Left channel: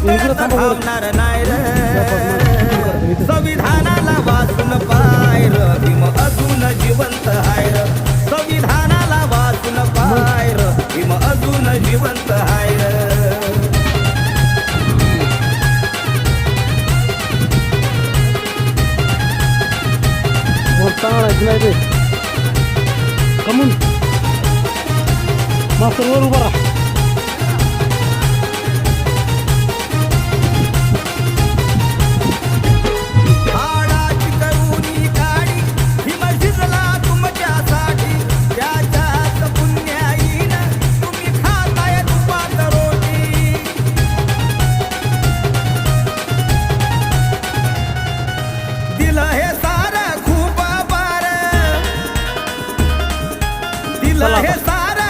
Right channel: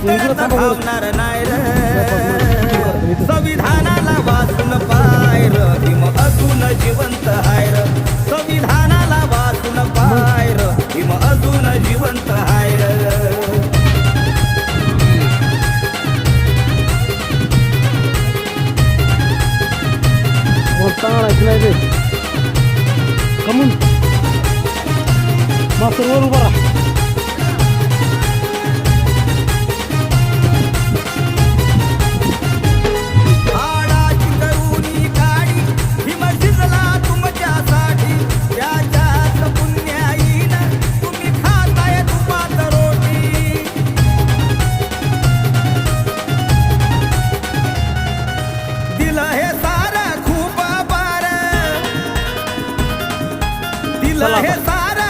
पुतळ्यात धावणार नाही र संविधानाला वाचून पाय र भीम अजून जिवंत हाय र संविधानाला वाचून पाय र भीम अजून जिवंत हाय र चांगला नाही ते कमून मास्तर वर उभा राहा